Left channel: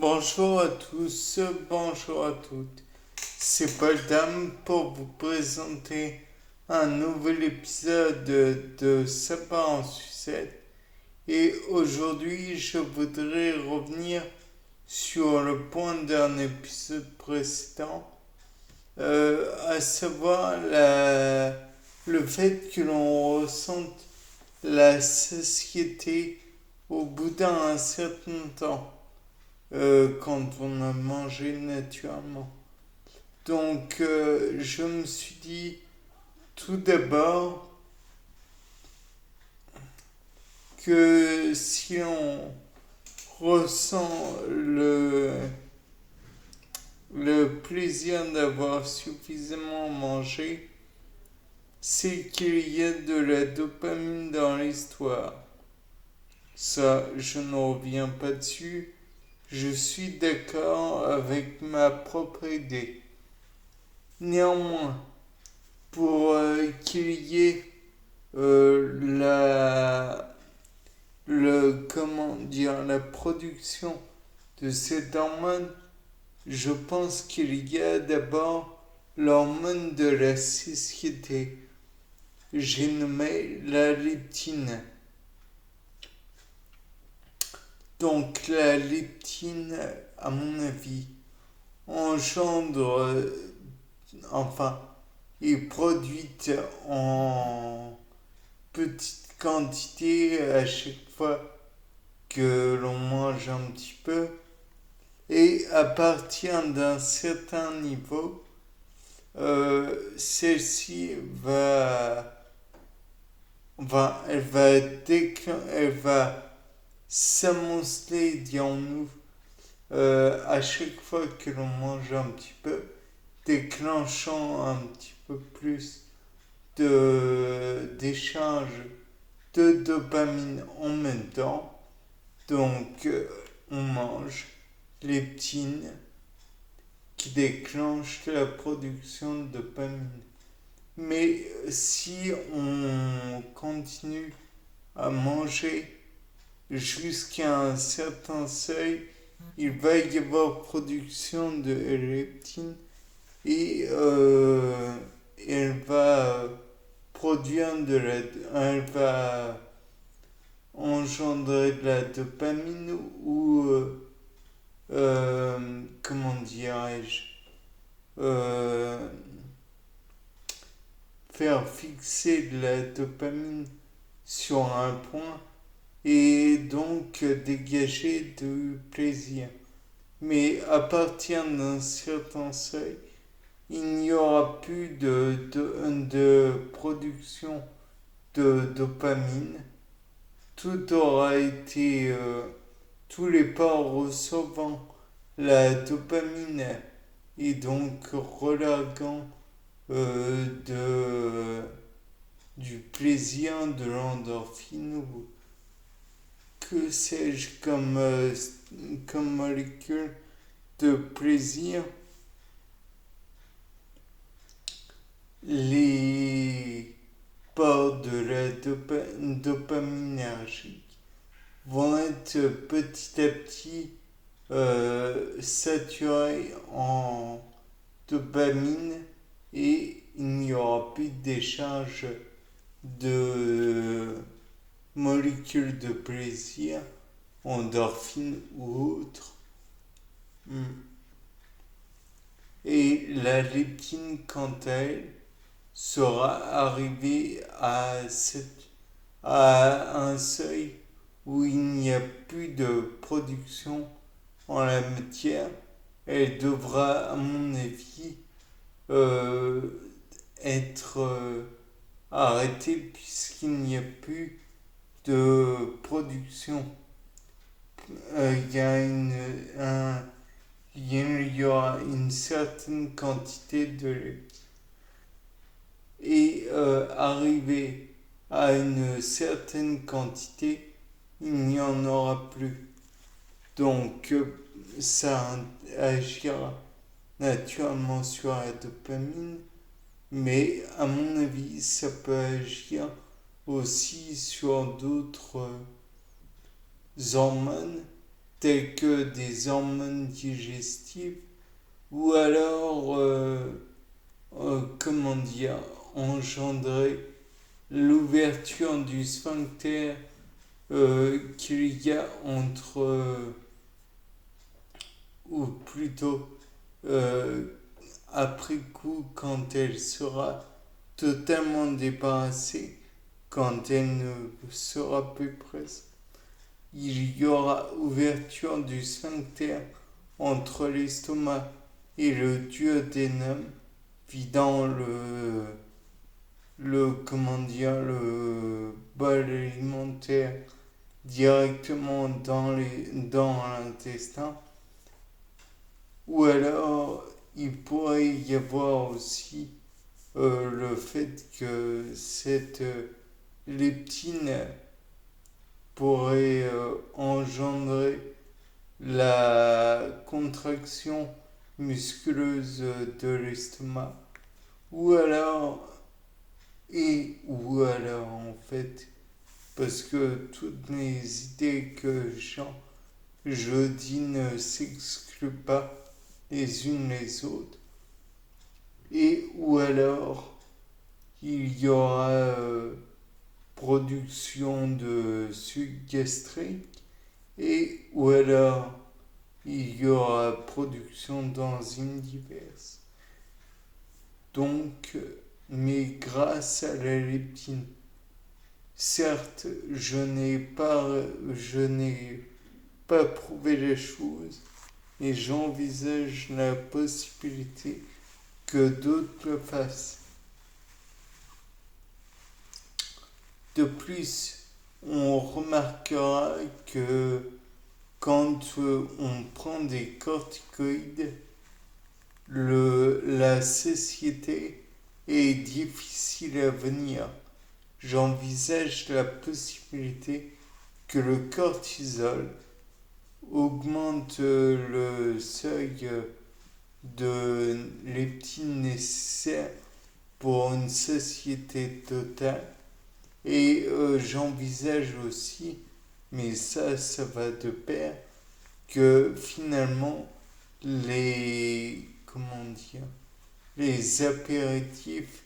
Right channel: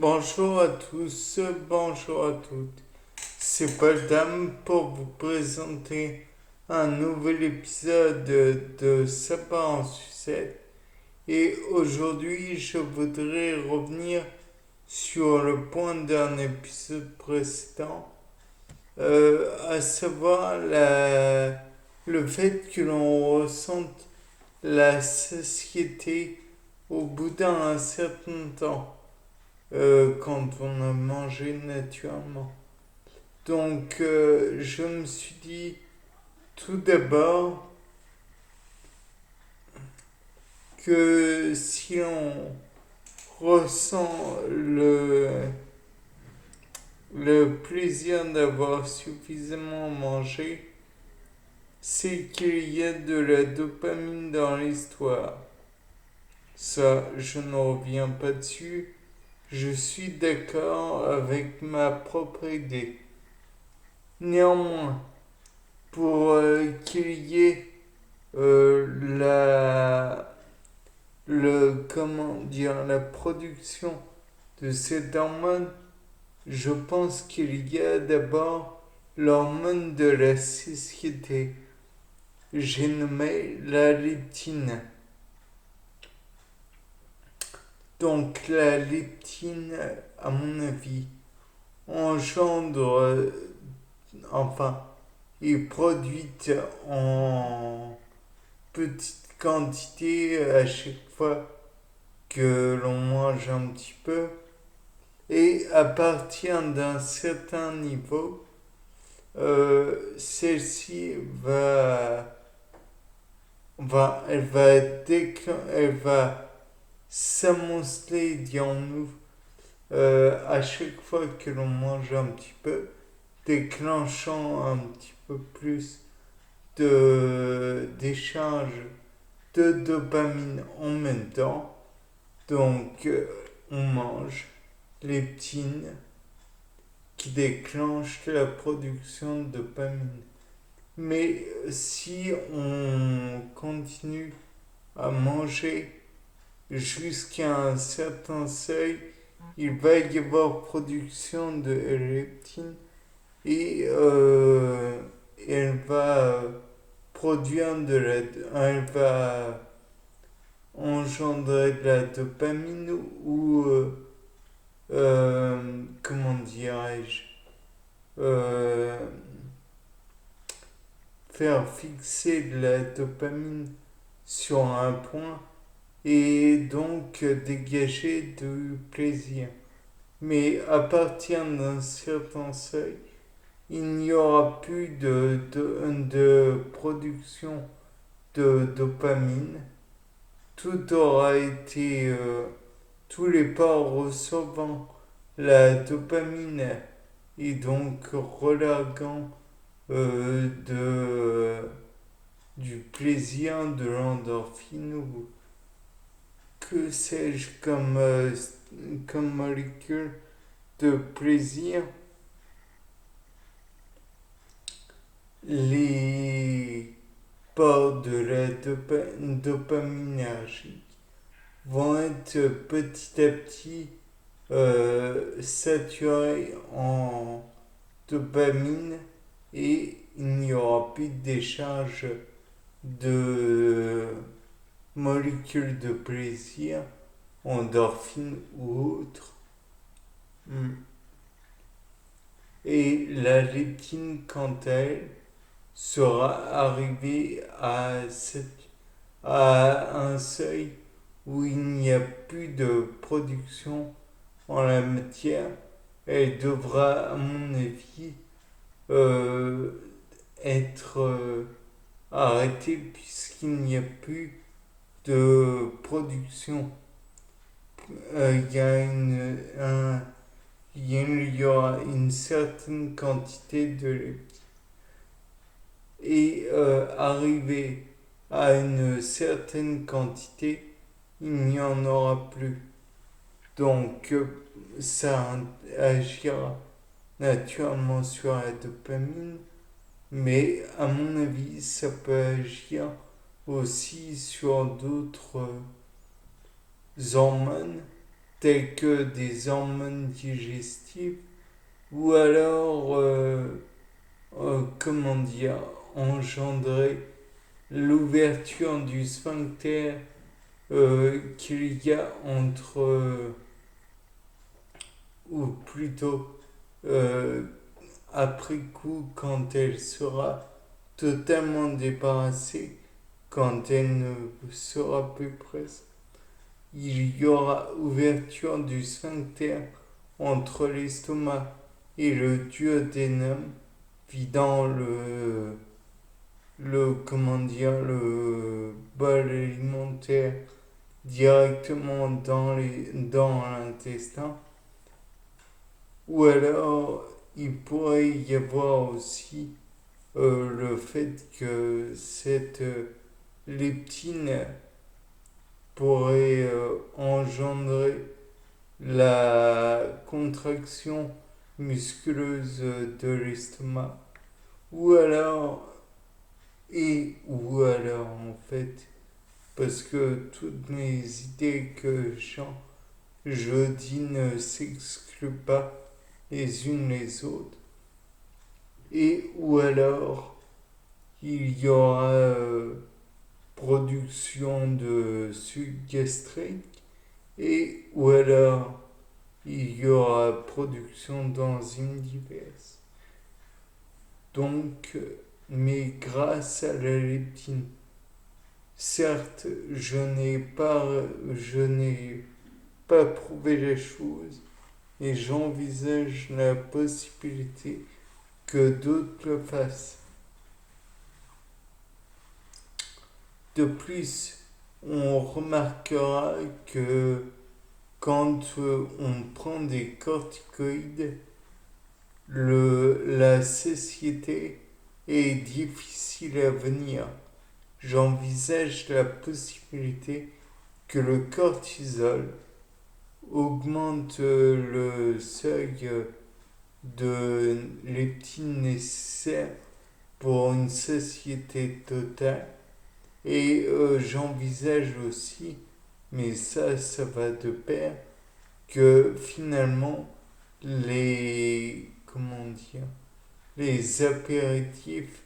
Bonjour à tous, bonjour à toutes. C'est Paul pour vous présenter un nouvel épisode de Sapin en sucette. Et aujourd'hui, je voudrais revenir sur le point d'un épisode précédent, à savoir le fait que l'on ressente la satiété au bout d'un certain temps, quand on a mangé naturellement. Donc, je me suis dit tout d'abord que si on ressent le plaisir d'avoir suffisamment mangé, c'est qu'il y a de la dopamine dans l'histoire. Ça, je ne reviens pas dessus. Je suis d'accord avec ma propre idée. Néanmoins, pour qu'il y ait la comment dire la production de cette hormone, je pense qu'il y a d'abord l'hormone de la satiété. J'ai nommé la leptine. Donc la leptine, à mon avis, engendre, enfin, est produite en petite quantité à chaque fois que l'on mange un petit peu. Et à partir d'un certain niveau, celle-ci elle va s'amonceler, dirons-nous, à chaque fois que l'on mange un petit peu, déclenchant un petit peu plus d'échange de dopamine en même temps. Donc, on mange leptine qui déclenche la production de dopamine. Mais si on continue à manger jusqu'à un certain seuil, il va y avoir production de leptine et elle va produire elle va engendrer de la dopamine ou comment dirais-je, euh, faire fixer de la dopamine sur un point et donc dégager du plaisir. Mais à partir d'un certain seuil, il n'y aura plus de production de dopamine. Tout aura été, tous les pores recevant la dopamine et donc relarguant du plaisir, de l'endorphine ou que sais-je comme molécule de plaisir, les pores de la dopaminergique vont être petit à petit saturés en dopamine et il n'y aura plus de décharge de molécules de plaisir, endorphines ou autres. Mm. Et la leptine, quant à elle, sera arrivée à un seuil où il n'y a plus de production en la matière. Elle devra, à mon avis, euh, être arrêtée puisqu'il n'y a plus de production. Il y a il y aura une certaine quantité de lait. Et arrivé à une certaine quantité, il n'y en aura plus. Donc, ça agira naturellement sur la dopamine, mais à mon avis, ça peut agir aussi sur d'autres hormones telles que des hormones digestives, ou alors, comment dire, engendrer l'ouverture du sphincter qu'il y a entre, ou plutôt euh, après coup, quand elle sera totalement débarrassée, quand elle ne sera plus présente, il y aura ouverture du sphincter entre l'estomac et le duodénum, vidant comment dire, le bol alimentaire directement dans l'intestin. Ou alors, il pourrait y avoir aussi le fait que cette leptine pourrait engendrer la contraction musculeuse de l'estomac. Ou alors, ou alors en fait, parce que toutes mes idées que je dis ne s'excluent pas les unes les autres. Et ou alors, il y aura production de suc gastrique, et ou alors il y aura production d'enzymes diverses. Donc, mais grâce à la leptine, certes, je n'ai pas prouvé les choses, et j'envisage la possibilité que d'autres le fassent. De plus, on remarquera que quand on prend des corticoïdes, la satiété est difficile à venir. J'envisage la possibilité que le cortisol augmente le seuil de leptine nécessaire pour une satiété totale. Et j'envisage aussi, mais ça va de pair, que finalement les apéritifs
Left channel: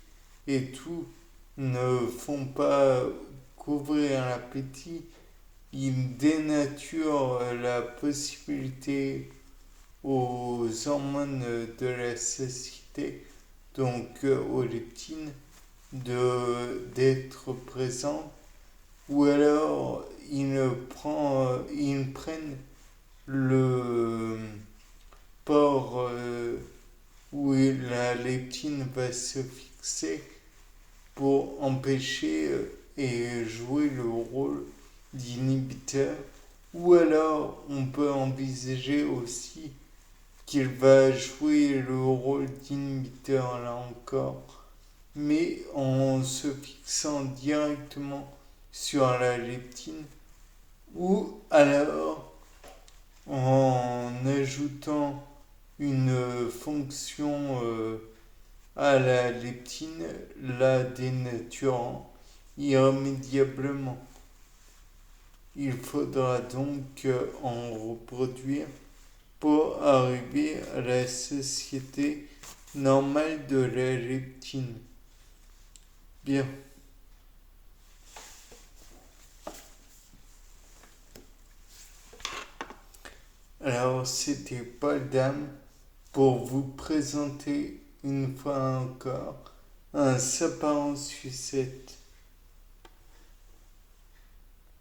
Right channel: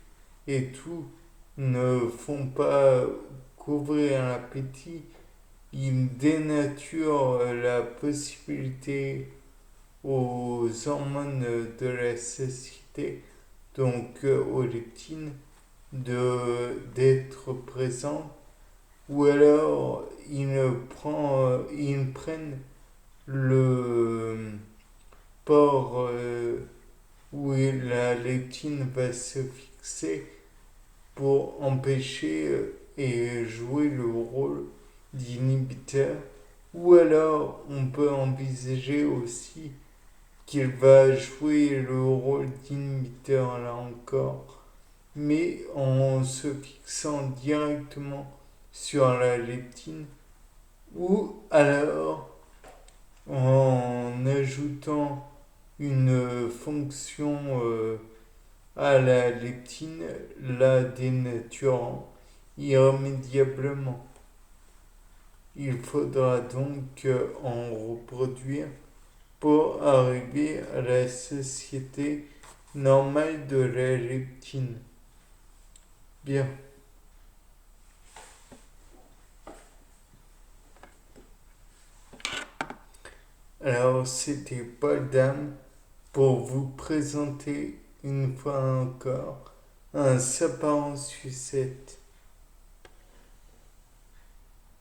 et tout ne font pas couvrir l'appétit, ils dénaturent la possibilité aux hormones de la satiété, donc aux leptines, d'être présents, ou alors ils prennent le port où la leptine va se fixer pour empêcher et jouer le rôle d'inhibiteur. Ou alors on peut envisager aussi qu'il va jouer le rôle d'inhibiteur là encore, mais en se fixant directement sur la leptine, ou alors en ajoutant une fonction à la leptine, la dénaturant irrémédiablement. Il faudra donc en reproduire pour arriver à la satiété normale de la leptine. Bien. Alors, c'était Paul Dame pour vous présenter une fois encore un sapin en sucette.